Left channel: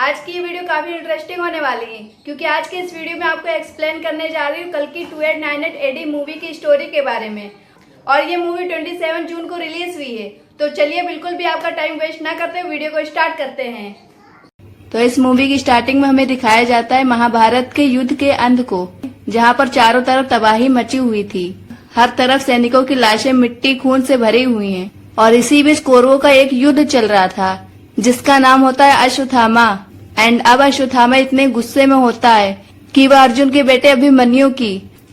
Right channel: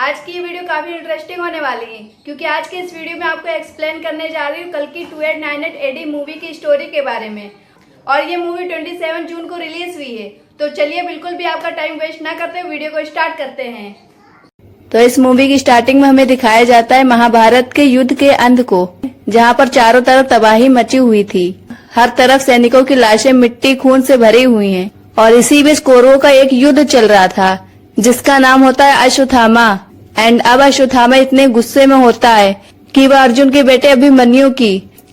आज की ये वीडियो काफी इंटरेस्टिंग होने वाली है क्योंकि आज के इस वीडियो में आपको एक्सप्लेन करने जा रही हूँ कल्कि 2898 AD मूवी की स्टोरी के बारे में। और ये मूवी 27 जून को रिलीज हुई है। तो चलिए बिल्कुल भी आपका टाइम वेस्ट ना करते हुए वीडियो को स्टार्ट करते हैं। तो इस मूवी की स्टार्टिंग में हमें दिखाया जाता है महाभारत के युद्ध के अंत को, जहाँ पर चारों तरफ तबाही मची हुई थी। हर तरफ सैनिकों की लाशें मिट्टी खून से भरी हुई हैं और इसी बीच कौरवों का एक युद्ध चल रहा था जिसका नाम होता है अश्वत्थामा। एंड अब अश्वत्थामा इतने गुस्से में होता है कि वह अर्जुन के बेटे अभिमन्यु की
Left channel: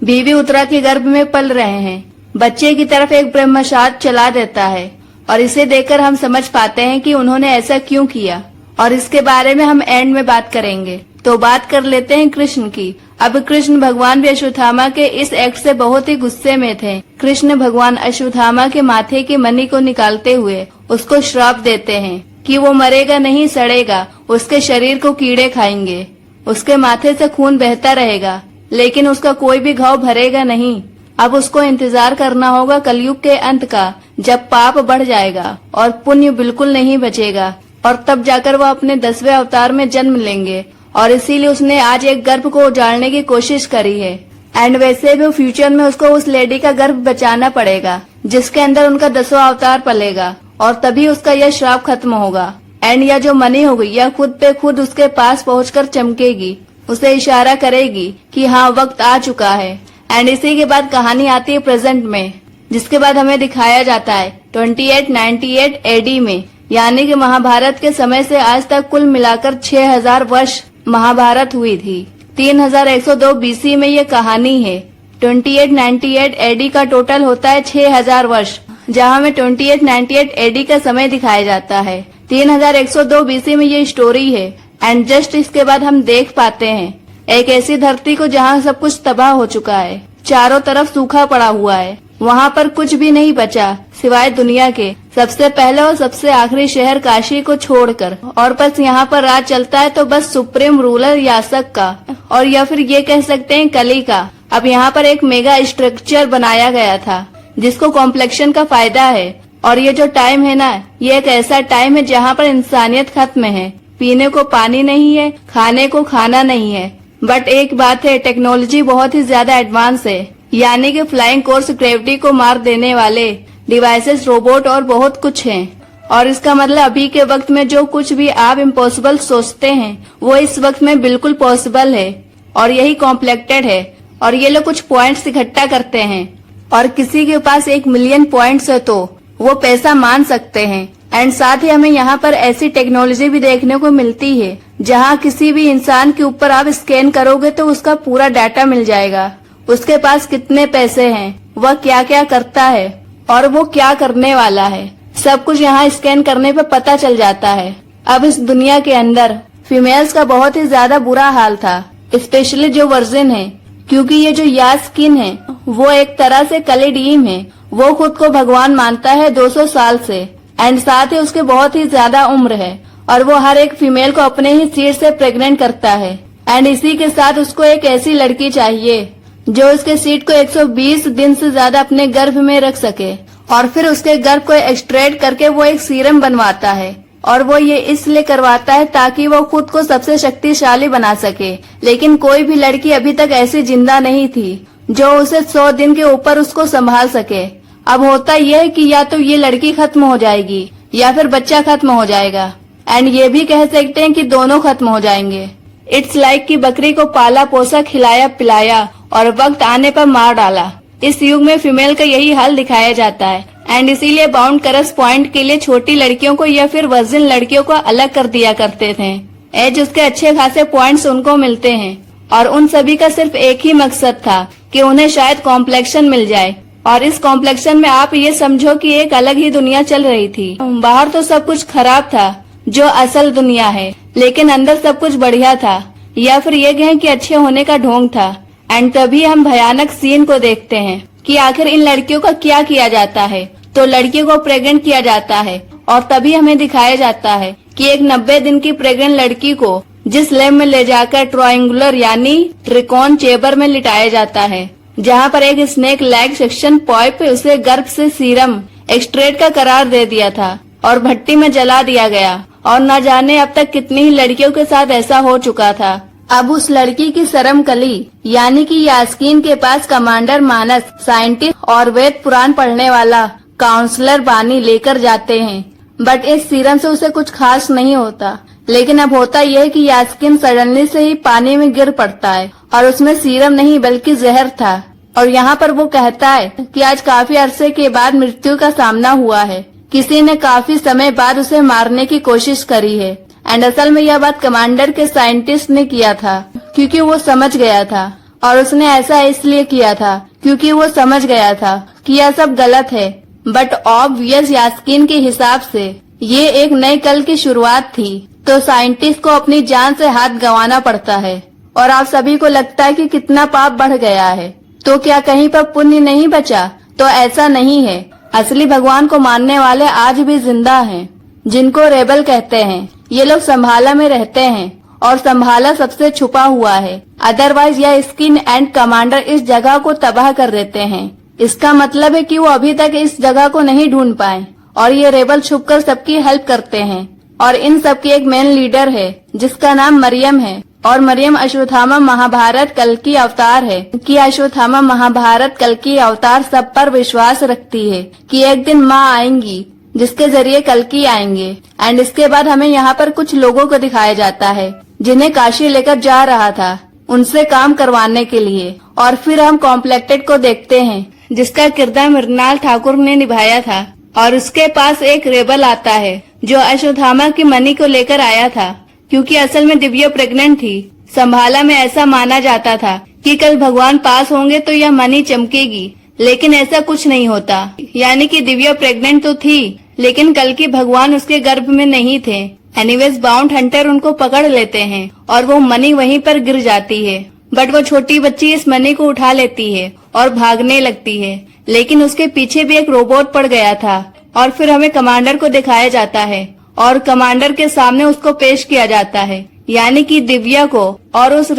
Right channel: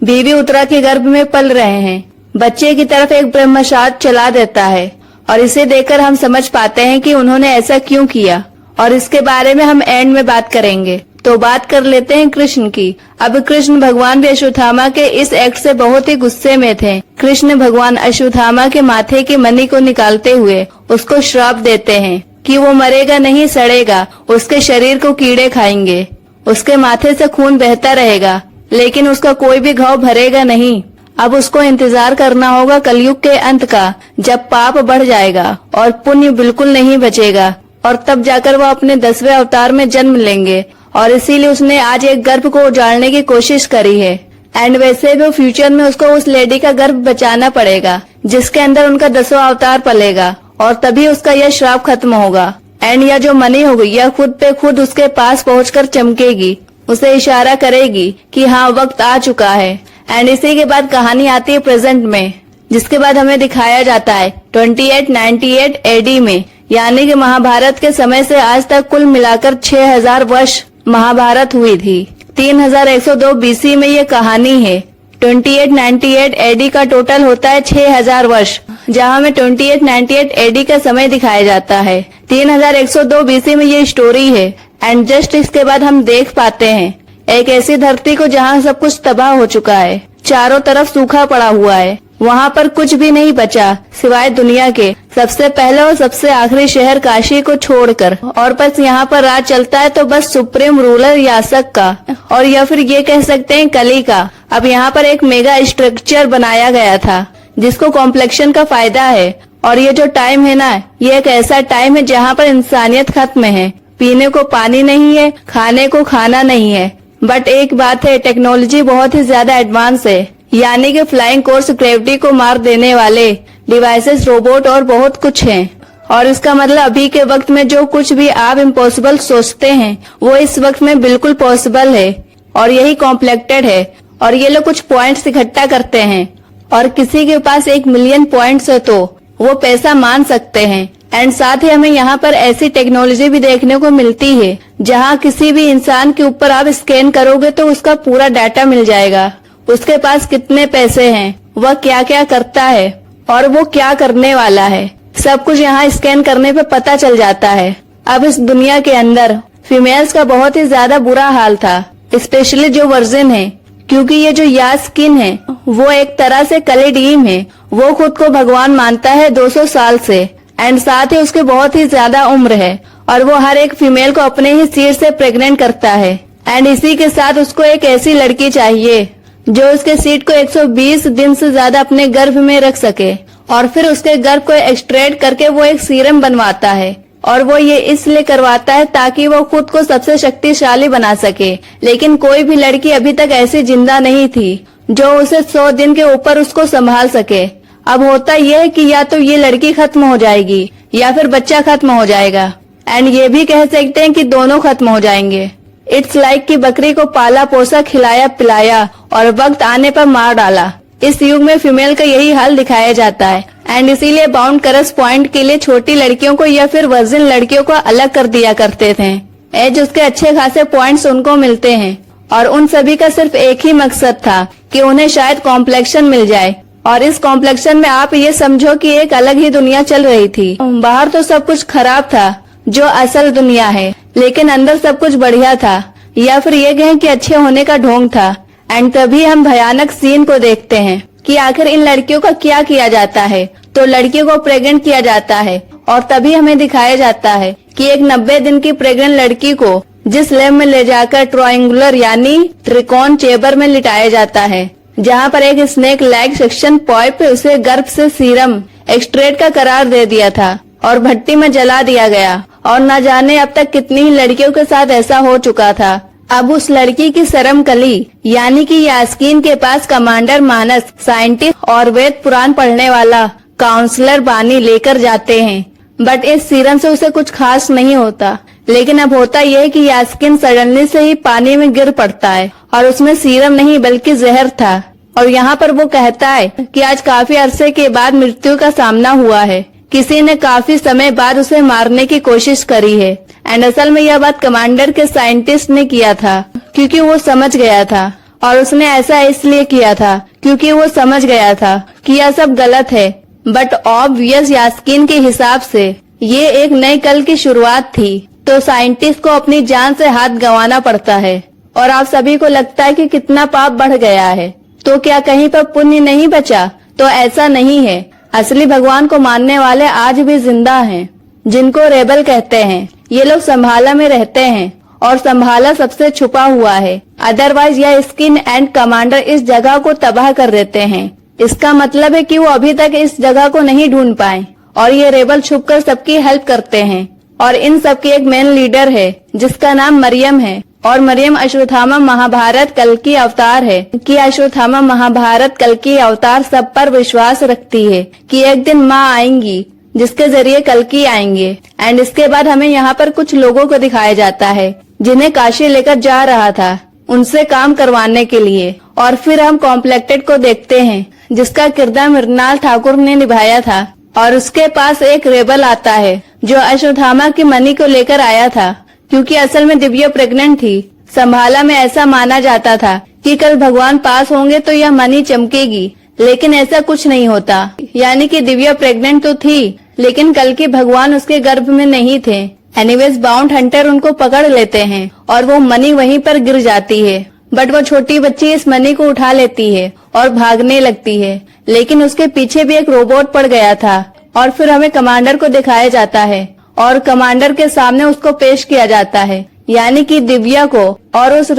बीवी उत्तरा के गर्भ में पल रहे हैं। बच्चे की तरफ एक ब्रह्मास्त्र चला देता है और इसे देखकर हम समझ पाते हैं कि उन्होंने ऐसा क्यों किया, और इसके बारे में हम एंड में बात करेंगे। तो बात कर लेते हैं कृष्ण की। अब कृष्ण भगवान भी अश्वत्थामा के इस एक्ट से बहुत ही गुस्से में थे। कृष्ण भगवान अश्वत्थामा के माथे की मणि को निकालते हुए उसको श्राप देते हैं कि वो मरेगा नहीं, सड़ेगा, उसके शरीर को कीड़े खाएंगे, उसके माथे से खून बहता रहेगा लेकिन उसका कोई भी घाव भरेगा नहीं। अब उसको इंतजार करना होगा कलयुग के अंत का, जब पाप बढ़ जाएगा और पुण्य बिल्कुल नहीं बचेगा, और तब जाकर वो अपने 10वें अवतार में जन्म लेंगे। और इसीलिए उसने आज एक गर्भ को उजाड़ने की कोशिश करी है। एंड वैसे भी फ्यूचर में उसको उस लेडी का गर्भ बचाना पड़ेगा जिसके अंदर उनका 10वां अवतार पलेगा, और तभी उसका यह श्राप खत्म होगा। एंड यह जो मणि होगी यह खुद पे खुद उसके पास पहुंचकर चमकेगी, उसे इशारा करेगी कि हाँ वक्त आ चुका है। एंड इसी के बाद कहानी आती है प्रेजेंट में, जिसके बाद हमें दिखाया जाता है 2898 AD में, यानी कि महाभारत के समय से आज तक कुल मिलाकर 6000 वर्ष महाभारत हुई थी। 3102 BC में ये कहानी है। 2898 AD का टोटल होता है 6000 वर्ष, जहाँ हमें 2898 AD का समय दिखाया जाता है। 3102 BC में ये स्टोरी है। एंड जस्ट इसके बाद हम देख पाते हैं एक ऐसी धरती को जहाँ सब कुछ तबाह हो चुका है, चारों तरफ सूखा पड़ा हुआ है, वहाँ पर कुछ भी नहीं बचा सिवाय दुनिया के सबसे पहले और सबसे आखिरी शहर काशी को छोड़कर। और बस यहाँ पर राज चलता है तो बस सुप्रीम रूलर यासक का, और या फिर ये कह सकते हैं कली का। अब यहाँ पर एक मेगा स्ट्रक्चर बनाया गया था जिसको कॉम्प्लेक्शन का फायदा है। और ये जो टाइम है ना, ये एक ऐसा टाइम है जहाँ पर इंसानियत खत्म है, पीने को पानी नहीं है, खाने को खाना नहीं है। बट एक बात है, टेक्नोलॉजी बहुत ही ज्यादा एडवांस है, यानी कि फ्लाइंग कोर्स, ग्रेविटी को मार देने वाले डिवाइसेस, रोबोट और बहुत कुछ हैं। और इसका मतलब अभी के वक्त में जो कुछ भी आप इम्पॉसिबल सोचते हैं वो इस वक्त में बिल्कुल पॉसिबल है, और यही कॉम्प्लेक्टेड है। और ये लोग कुछ पॉइंट्स इकट्ठा करते हैं और किसी के पास 1 मिलियन पॉइंट्स है तो वो पैसा मान सकते हैं। एंड साथ ही हमें यहाँ पर ऐसी टेक्नोलॉजी भी देखने को मिलती है जहाँ किसी भी इंसान के ऊपर आप स्कैन करोगे तो उसका पूरा डाटा मिल जाएगा, उसके पास कितने पैसे हैं, वह क्या क्या करता है और वो क्या करने वाला है, सब कुछ यहाँ स्कैन करने पे पता चल जाता है। अब इस दुनिया के अंदर फीमेल्स का बहुत ही ज्यादा बुरा हाल था, स्पेशली जो वर्जिन है, क्योंकि ये जो यास्किन है वो एक तरह से कलेडीम है। वो खुद को भगवान मानता है 200 साल से, एंड साथ ही उसकी बहुत ही ज्यादा उम्र है और वो हर एक फीमेल को अपने ही सीट से प्रेग्नेंट करता है। एंड इसी के साथ उसको एक ऐसी लड़की चाहिए जो उसके सीट को 120 दिन से ज्यादा अपने गर्भ में रख सके, और फिर उसके गर्भ को एक्सट्रैक्ट करके वो एक सीरम बनवाता है। और वो ये इसलिए करवाता है ताकि वो खुद को सबसे शक्तिशाली बना सके। लेकिन कोई भी लड़की अभी तक ऐसी जिंदा नहीं थी जो उसे 100 दिन के ऊपर उसको संभाल सके। अब होता यह है कि या तो ये लड़की खत्म हो जाएगी या फिर बच्चा खत्म हो जाएगा, एंड ये भी कह सकते हैं कि दोनों खत्म हो जाएंगे। इट्स लाइक कि बकरी को पाला पोसा, खिलाया पिलाया और वक्त आने पर मार डाला। इस युग में फीमेल का यही हाल दिखाया जाता है। एंड इसीलिए बाउंड करस पॉइंट के लिए छोटी लड़कियों को या फिर वर्जिन लड़कियों को अलग कर दिया करते थे। एज उसके अच्छे खासे पॉइंट्स उनको मिलते हैं, और उन सभी का सिर्फ एक ही मकसद था कि उन्हें शायद कॉम्प्लेक्शन मिल जाए। और इस कॉम्प्लेक्शन में आप ये समझो कि एक अलग ही दुनिया चल रही थी। बाहर तो सब कुछ खराब था जो असल दुनिया है, लेकिन अंदर सब कुछ बढ़िया था, या फिर ये कहें कि अच्छे होने का ढोंग था। एंड तभी हम भयानक सीन को देखते हैं कि आखिर इन लड़कियों का क्या किया जाता है। तो लड़कियों को प्रेग्नेंट किया जाता है, और तभी हमें दिखाया जाता है कि एक 90 दिन की प्रेग्नेंट लड़की को जिस लैब में ले जाकर ट्रायंगुलर यानी त्रिकोण चेबर में लिटाया जाता है, जहाँ पर एक स्नेक लाइक सेक्शन पाइप उसे गर्भ से सीरम एक्सट्रैक्ट का करार दे दिया था। और भट्टी में जला दिया गया और न जाने अब तक कितनी ही लड़कियों के साथ ऐसा हो चुका था। अब उस लड़की की शर्म कली यानी कि यास्कीन के पास कमांडर मानस, साइंटिस्ट और वेद पुराण पढ़ने वाला काउंसलर बानी लेकर जाते हैं। बट इस सीरम से उसे कुछ खास नहीं होता। लेकिन अब होता यह है कि यास्कीन सडनली से ही पानी में गिर पड़ता है और उसमें सीरम नहीं बल्कि जहर था। और यहाँ पर वो कहता है कि आज काफी अरसे के बाद मृत्यु का सामना हुआ है। किसी ने काफी समय बाद उसे मारने की कोशिश करी है। एंड असल में यह बात कमांडर के साइंटिस्ट ने किया था क्योंकि वो समझ गया था। और उसने ऐसा इसलिए किया था क्योंकि वो समझ गया था कि यह सब गलत है। बट ऑब्वियस यास्कीन के हिसाब से ये एक नए कल की शुरुआत थी, तो साइंटिस्ट को अपनी जान से हाथ गंवाना पड़ता है। और आप सभी को लगता है कि कितना पाप बढ़ गया है, तो क्या कहीं पर पुण्य नहीं बचा? तो ऐसा नहीं है। असली भगवान को मानने वाले आज भी जिंदा हैं, जिनको रेबल कहते हैं। ये लोग संभाला में रहते हैं और संभाला सबसे छुपा हुआ है। अदरवाइज यह स्किन एंड कमांडर इस जगह को तबाह कर देते हैं। इसका मतलब है कि वो अभी तक इस जगह को नहीं ढूंढ पाए और ये रेबल छुपकर सबकी हेल्प करते हैं। और इन सब की एक मेन लीडर है जिसका नाम मरियम है। और मरियम अश्वत्थामा महाभारत कल की अवतार है कि अश्वत्थामा महाभारत कल की अवतार सब पर विश्वास रखती है कि एक दिन माँ आएंगी जिसके जरिए कल्कि आएंगे। एंड इसके बाद हमें यहाँ पर कुछ लोगों को दिखाया जाता है जिन्हें काशी लेकर जा रहा था उनसे काम करवाने के लिए। और फिर हम कॉम्प्लेक्टेड को देखते हैं जिसका किरदार मृणाल ठाकुर ने निभाया था। और उसके पास एक रेबल आता है जो अश्वत्थामा की मनी को लेकर आया था क्योंकि असल में दिव्या प्रेग्नेंट थी। संभाला में ऐसा माना जाता था कि कल भगवान पास होंगे तो यह मनी चमकेगी, लेकिन ऐसा कुछ नहीं होता। यानी कि दिव्या प्रेग्नेंट तो थी लेकिन कल के भगवान उसके गर्भ में नहीं थे। एनीवेज बाउंड हंटर उनको पकड़ लेते हैं और वो मनी वहीं पर गिर जाती है। बट वो छोटी बच्ची इस मनी को उठा लेती है और भागने लगती है, लेकिन उसके पीछे भी एक रोबोट पड़ गया था। और फिर हमें कमांडर को दिखाया जाता है और कमांडर के सामने उसको पेश किया जाता है, यानी कि दिव्या को और उस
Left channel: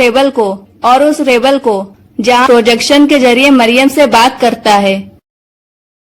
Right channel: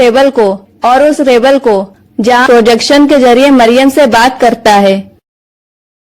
रेबल को जहाँ प्रोजेक्शन के जरिए मरियम से बात करता है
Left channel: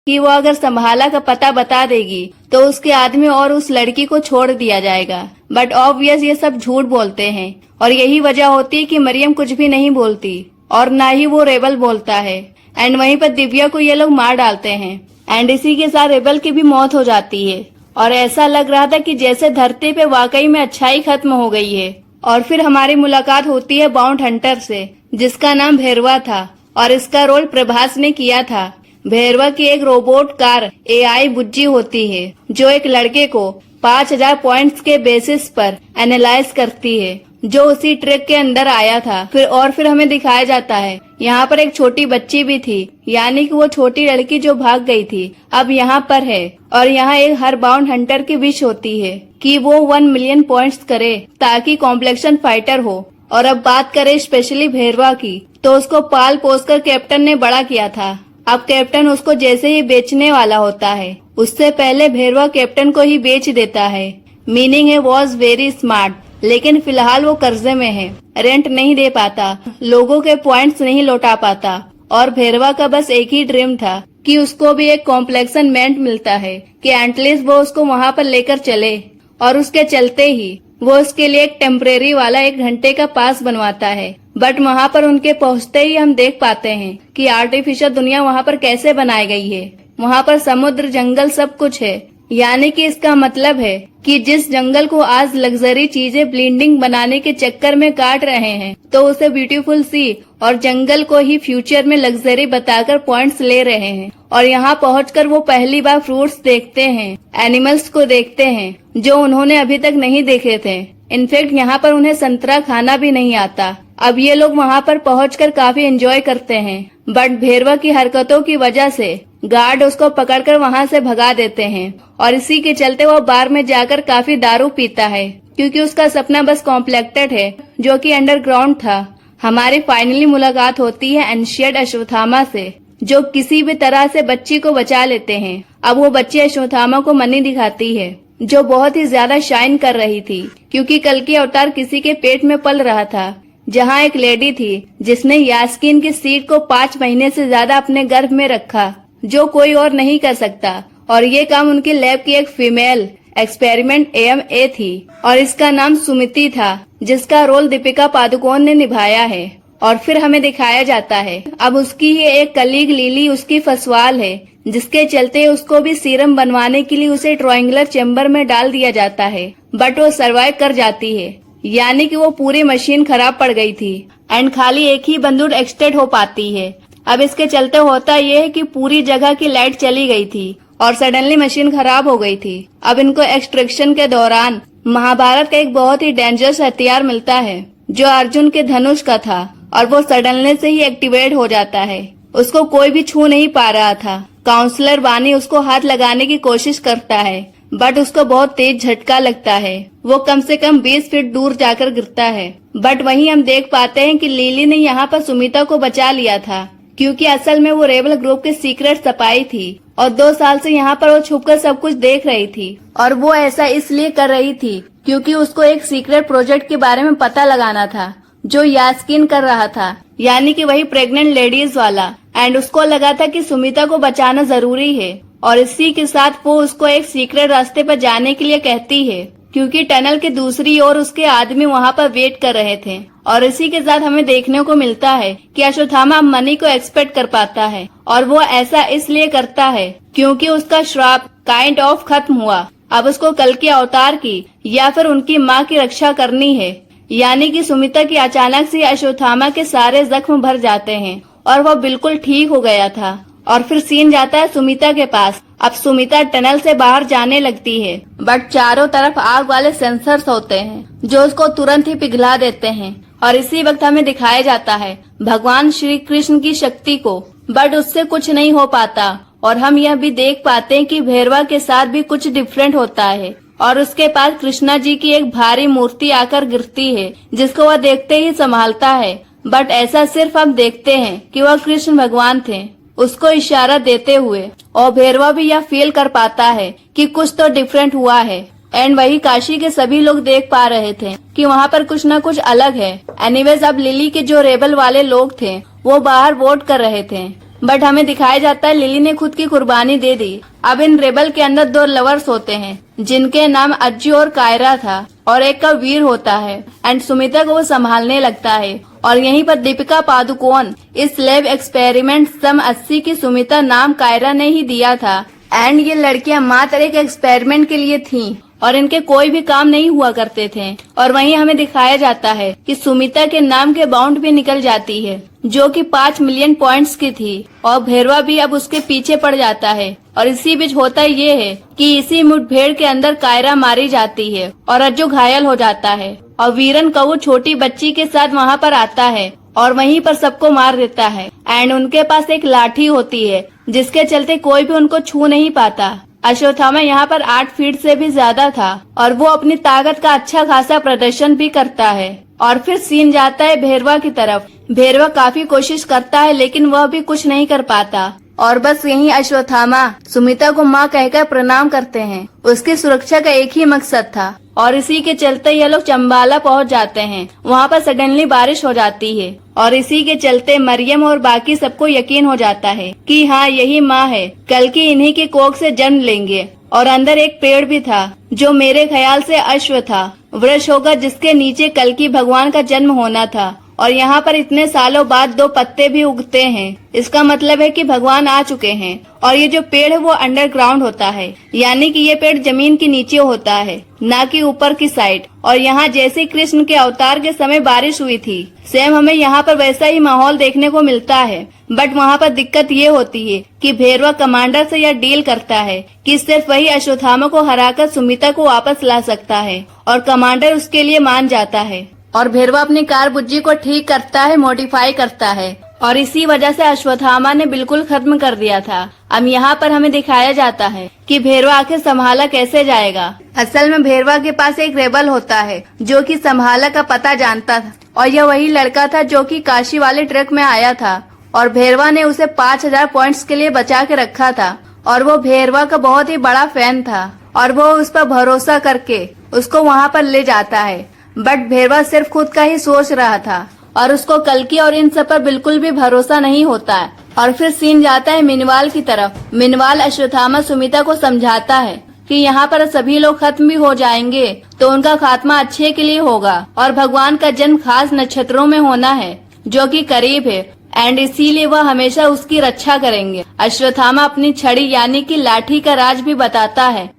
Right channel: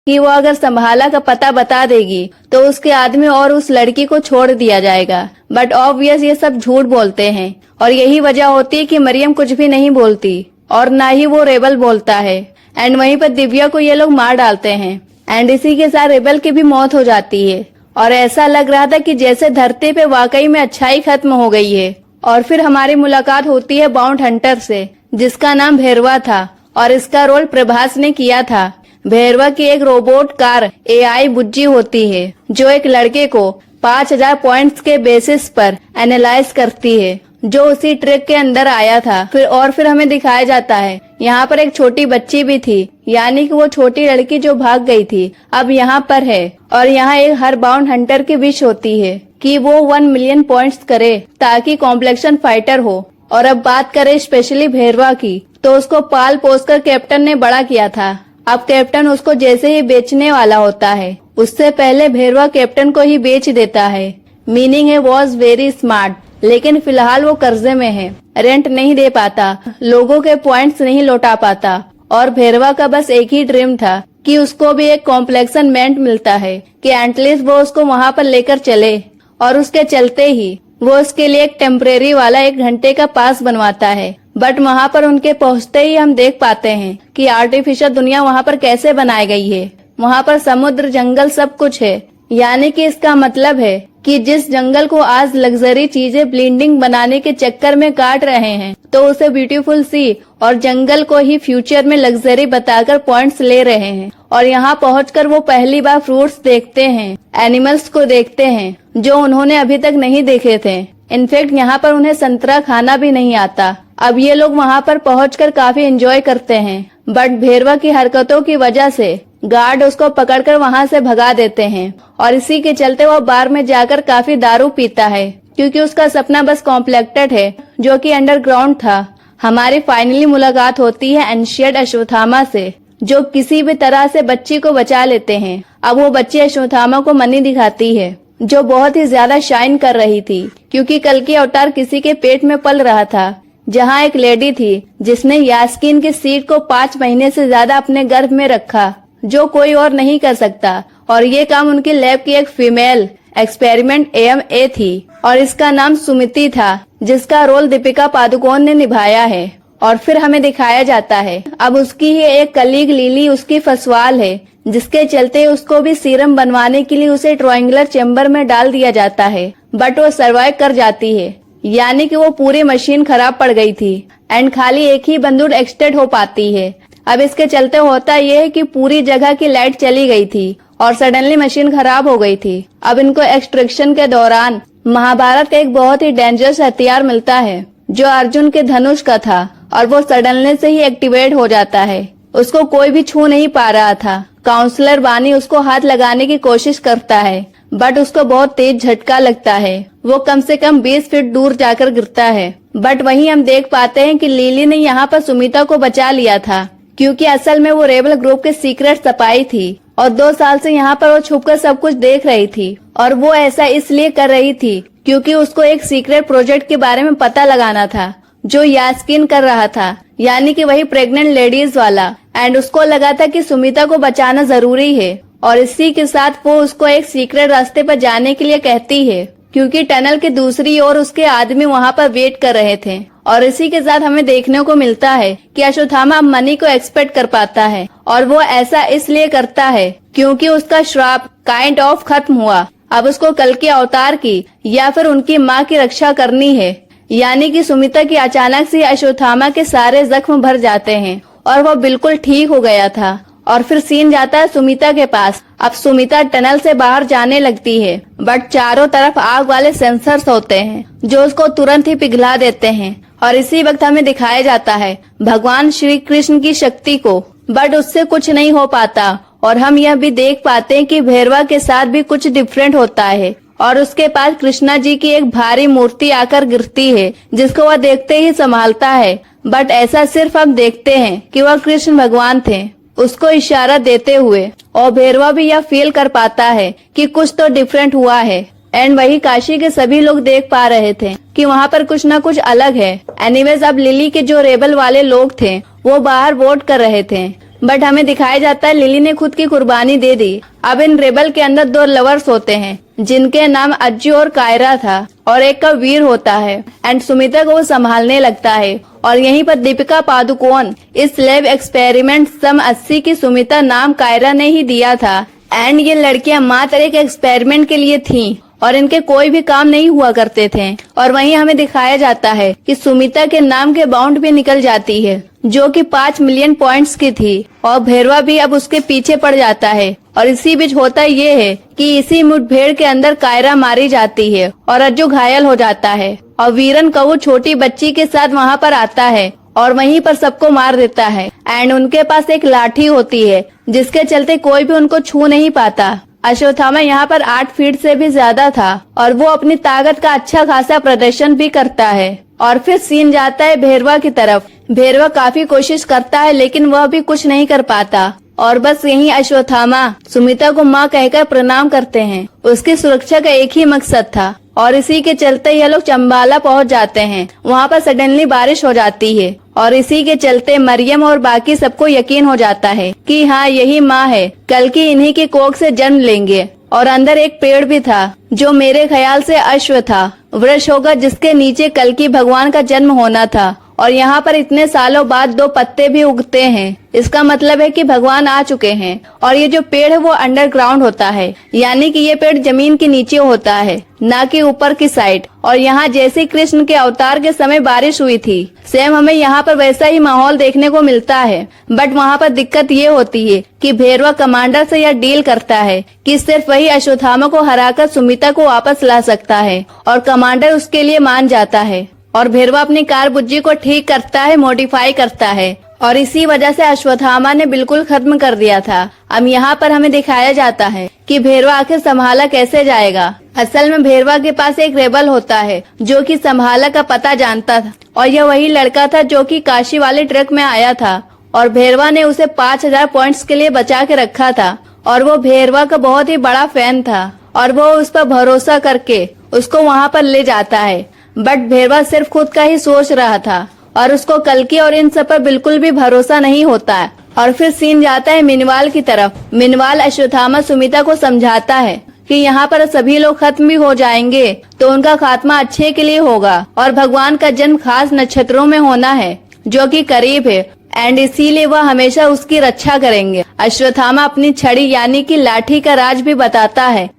कि वो अगर संभाला का पता बता देगी तो उसके आदमी और उस लड़की को छोड़ दिया जाएगा। बट ऑब्वियस ये सब झूठ बोलते हैं और यही वजह होती है कि मरियम कुछ भी नहीं बोलती और ना ही वो रेबल बोलता है। एंड वहीं पर दिव्या को ये लोग मार डालते हैं एंड इसी के साथ रेबल की भी मौत हो जाती है। और ऐसा लग रहा था कि जैसे धरती पे वाकई में अच्छाई खत्म हो गई है। और फिर हमारी मुलाकात होती है बाउंड हंटर से जिसका नाम भैरवा था और इसका रोल प्रभास ने किया था। भैरवा की एक रोबोट कार AI बुज्जी होती है जो एक लड़के को 5000 पॉइंट्स के बेसिस पर एनालाइज करती है जो उसी ट्रक के अंदर आया था। फिर हमें दिखाया जाता है यहाँ पर एक छोटी बच्ची भी थी, यानी कि वो छोटी लड़की जो भाग गई थी अब यहाँ पर है। और यहाँ एक हर बाउंड हंटर की विश होती है कि वो 1 मिलियन पॉइंट्स करे ताकि कॉम्प्लेक्शन फाइटर हो। और अब बात करें स्पेशली भैरवा की, तो उसको पाल पोस कर कैप्टन ने बड़ा किया था। अब कैप्टन उसको जैसे ही बेचने वाला होता है उससे पहले भैरवा कैप्टन को ही बेच देता है। मीनिंग है वॉज वेरी स्मार्ट। लेकिन फिलहाल वो कर्जे में है, रेंट नहीं दे पाता, लोगों के पॉइंट्स नहीं लौटा पाता। और भैरवा का बस एक ही ड्रीम था कि उसको भी एक कॉम्प्लेक्शन मेंट मिलता है कि एटलीस्ट वो उसको वहाँ पर लेकर चले। और उसके चलते ही वो उसके लिए एक टेम्परेरी वाला 1 घंटे का पास बनवाता है। बट वहाँ पर उनके पहुँचते ही हम देख पाते हैं कि आर्टिफिशियल दुनिया वहाँ पर कैसे बनाई गई है। वहाँ पर समुद्र, जंगल सब कुछ है। यानी कि इसका मतलब है कि जिस जंगल को आज लग्जरी चीजें ब्लेंडिंग बनाने के चक्कर में काट रहे हैं, तो उसे ब्यूटीफुल सी और जंगल को ही फ्यूचर में लग्जरी बताकर पॉइंट्स ले रहे हैं। और यहाँ पहुंचकर वो पहली बार फ्रूट्स देखते हैं, एनिमल्स को देखते हैं जो उन्होंने अभी तक नहीं देखे थे। इनफैक्ट यहाँ पर उन्हें संतरा खाना भी नहीं आता। अब ये लोग वहाँ पर पहुंचकर काफी एंजॉय करते हैं। बट भैरवा की हरकतों की वजह से गार्ड उसको पकड़कर वहाँ से भगा देते हैं और इसी के चलते वो बार में जाकर काफी दारू पीता है क्योंकि उसका सपना बस कॉम्प्लेक्टेड है जो कि अंडरग्राउंड था। हमारी फाइनली मुलाकात होती है एंशिएंट अश्वत्थामा से जो किसी भी तरह से बच्ची को बचा लेते हैं। अब वो बच्ची अश्वत्थामा को मनी दिखाती है जो बहुत ही ज्यादा शाइन कर रही थी क्योंकि कल की अवतार किसी के पेट में पल रहा था। जहाँ एक लेडी थी जिसने यास्कीन की सीट को 5 महीने से ज्यादा अपने गर्भ में रखा जो कोई और नहीं कर सकता। और ये काम उनकी लैब की एक फीमेल एक्सपेरिमेंट AMA थी और इसका नाम सुमिति था, जिसका रोल दीपिका पादुकोण ने निभाया है। और फिर हमें दिखाया जाता है अब उसकी ही एक कलीग लिली उसकी फसवाल है, जिसके चलते उसको भी सीरम बनवाने के लिए उसे ट्रायंगुलर चेम्बर में डाल दिया जाता है, बट वो सरवाइव कर जाती है। यानी कि वो पूरी मशीन खराब पड़ गई थी एंड खाली एक ही बंदूक एक्सटेंड हो पाती है। अब इसके चलते होता ये है कि पूरी जगह की लाइट चली गई थी और सडनली मशीन खराब हो गई थी। अब इनको एक्सट्रैक्शन के दौरान महाभारत का एक बहुत ही डेंजरस हथियार मिलता है, जो अर्जुन के धनुष का था, और वो सडनली से ही एक्टिवेट हो जाता है। उसको कोई भी छू नहीं पा रहा था। काउंसलर बानी उसको हाथ लगाने की कोशिश करता है, बट उसको बहुत तेज झटका लगता है। वो कम से कम 20 फीट दूर जाकर गिरता है। बट वहीं हम देख पाते हैं कि लिली ने यहाँ पर सुमिता को बचा लिया था, क्योंकि असल में वो रेबल ग्रुप के सीक्रेट सपाई थी और 2 साल से यहाँ पर वो छुपकर सब कुछ देख रही थी। और वो ऐसा इसलिए कर रही थी क्योंकि उसको एक सीक्रेट प्रोजेक्ट के बारे में पता लगाना था, जो यास्कीन कर रहा था, यानी कि वही प्रेग्नेंट लेडीज वाला। एंड उसको लगा था कि सुमिता को बचाना जरूरी है, और इसी के साथ वो उसको एक सीक्रेट रास्ते पर जाने के लिए कहती है, क्योंकि टनल के दूसरी ओर उसके आदमी वहाँ पर वेट कर रहे थे। और इसी के साथ हमें देखने को मिलता है कि अश्वत्थामा अब मनी को एक्सपेक्ट कर पाता है, और वो ऐसा इसलिए करता है क्योंकि उसका श्राप काइंड ऑफ खत्म हुआ। अब उसको कल के अवतार की या फिर उनकी माँ की रक्षा करनी है। यानी कि सुमिता की अचानक से अश्वत्थामा के सारे जख्म भर जाते हैं और वह बिल्कुल ठीक हो गया था। और फिर सीन जाता है सुमिता के पास। अब सुमिता टनल से बाहर जाने लगती है, बट चारों तरफ आग वाले सेंसर्स होते हैं जो उसको तुरंत ही पिघला देते हैं। और इसी वक्त हमें दिखाया जाता है भगवान श्री कृष्ण की शक्ति को, बट उससे कुछ नहीं हो पाता। और हम यह भी देख पाते हैं कि भैरवा के साथ भी कुछ डिफरेंट होता है, और उसके पास कृष्णा जी की एक भारी मूर्ति आकर गिरती है, जिसको वह देखते ही संभालता है। बट ऐसा सिर्फ हम देखते हैं कि वह कृष्ण भगवान थे, उसको इशारा देते हुए। और भैरवा भी यह फील कर पाता है कि कुछ तो डिफरेंट हुआ है। एंड वही काशी के सभी लोग देख पा रहे थे कि वहाँ पर कुछ न कुछ अलग है। एनीवेज अब लिली के जो रेबल वाले लोग थे वो बाहर वोट कर रहे थे, बट हमें दिखाया जाता है लिली ने खुद की कुर्बानी दे दी। अब इन रेबल के अंदर 2 लवर्स होते हैं, जिनके नाम अज्जू और कायरा था, और एक का वीर होता है। एंड सुमिता को वो संभालने लगता है। और यहीं पर दीपिका पादुकोण इस लैब एक्सपेरिमेंट सम 80 की सुमिता नाम कायरा ने ही दिया था। एंड ये लड़कियां मात्र एक एक्सपेरिमेंट के लिए थीं और इनके कोई भी काम नहीं हुआ करते थे। और वहीं हमें दिखाया जाता है कि सुमिता के नाम के बाउंड भी निकल जाती है, जो कि 5 मिलियन पॉइंट्स की थी। और भैरवा भी अब उसके पीछे पड़ जाता है। और इसी बीच होता ये है कि इसी मुठभेड़ के अंदर कायरा मारी जाती है और अज्जू घायल हो जाता है। और वीरन कवु छोटी बच्ची के साथ वहाँ पर आता है और वहीं पर सबको मार देता है। एंड उनके पास एक लाठी होती है, जिसके चलते कोई भी उनको छू नहीं पाता। अश्वत्थामा यहाँ पर 8 फीट से भी ज्यादा था और वो अपनी ताकत का अच्छा खासा प्रदर्शन भी करता है। और फिर सीन जाता है भैरवा की तरफ। भैरवा काफी कोशिश करता है, लेकिन वह भी कुछ नहीं कर पाता। और बस यहीं अश्वत्थामा सुमिता को माँ कहकर प्रणाम करते हैं। उसकी सुरक्षा का एक ही मकसद था। और इसी के चलते ये लोग चंबाला पहुंच जाते हैं। वहाँ पर सडनली बारिश हो जाती है और इसी के चलते मरियम और बाकी सबको यकीन हो जाता है कि हाँ यही माँ है, कल की इन्हीं की कोख से जन्म लेंगे। और अंदर एक पेड़ भी था जो मेरे ख्याल से अश्व था, वृक्ष होगा, जिसके नीचे कल की भगवान का जन्म होना था। और यहाँ पर इतने सालों बाद 2 पत्ते भी उगते हैं। इसका मतलब है कि भगवान आ चुके हैं। और ये जो पेड़ है वो अंडरग्राउंड होता है, यानी कि ये पेड़ जमीन के नीचे होता है, ना कि ऊपर की साइड। और यहाँ जैसे कृष्ण के अवतार के समय बारिश हुई थी, सेम हमें यहाँ पर वैसा ही माहौल देखने को मिलता है। बट वहाँ पर दिक्कत ये होती है कि भैरवा कमांडर से यह डील करता है कि सिर्फ वही अश्वत्थामा को हराकर सुमिता को वापस ला सकता है, और कमांडर उसके लिए मान जाता है। और भैरवा अपनी कार बुज्जी को ठीक करता है, मॉडिफाई करता है। और इसी वजह से अश्वत्थामा ने बिल्कुल खत्म कर दिया था। अब यहाँ पर हमें दिखाया जाता है कि भैरवा आखिर संभाला कैसे जाएगा। असल में भैरवा के पास एक रेबल होता है जो कि संभाला का पता जानता था, और यह वही लड़का था जो कि काशी वाले ट्रक में आया था। और भैरवा ने उसे 5000 पॉइंट्स के लिए बचा के रखा था। और वो भैरवा का बहुत ही बड़ा फैन था और वो उस पर भरोसा करके उसको वहाँ पर ले जाता है। बट भैरवा सिर्फ खुद का ही सोच रहा था और उसको कल्कि और इन सब पर बिल्कुल भी भरोसा नहीं होता है। और फिर सीन जाता है मिनवाल की तरफ। मिनवाल अश्वत्थामा सुमिता को समझाता है कि यहाँ पर सभी लोग खत्म भी हो जाएंगे तो उनका खात्मा अच्छे के लिए होगा और भगवान का जन्म खास नक्षत्रों में होना है जो कि करीब है एंड इसीलिए वह हमेशा उसकी रक्षा करेंगे। अश्वत्थामा अपनी छड़ी यानी कि लाठी का राज भी बताता है।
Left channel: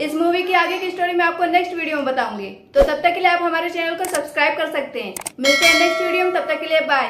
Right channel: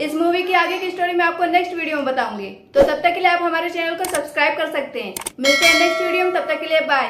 इस मूवी की आगे की स्टोरी मैं आपको नेक्स्ट वीडियो में बताऊंगी। तो तब तक के लिए आप हमारे चैनल को सब्सक्राइब कर सकते हैं। मिलते हैं नेक्स्ट वीडियो में, तब तक के लिए बाय।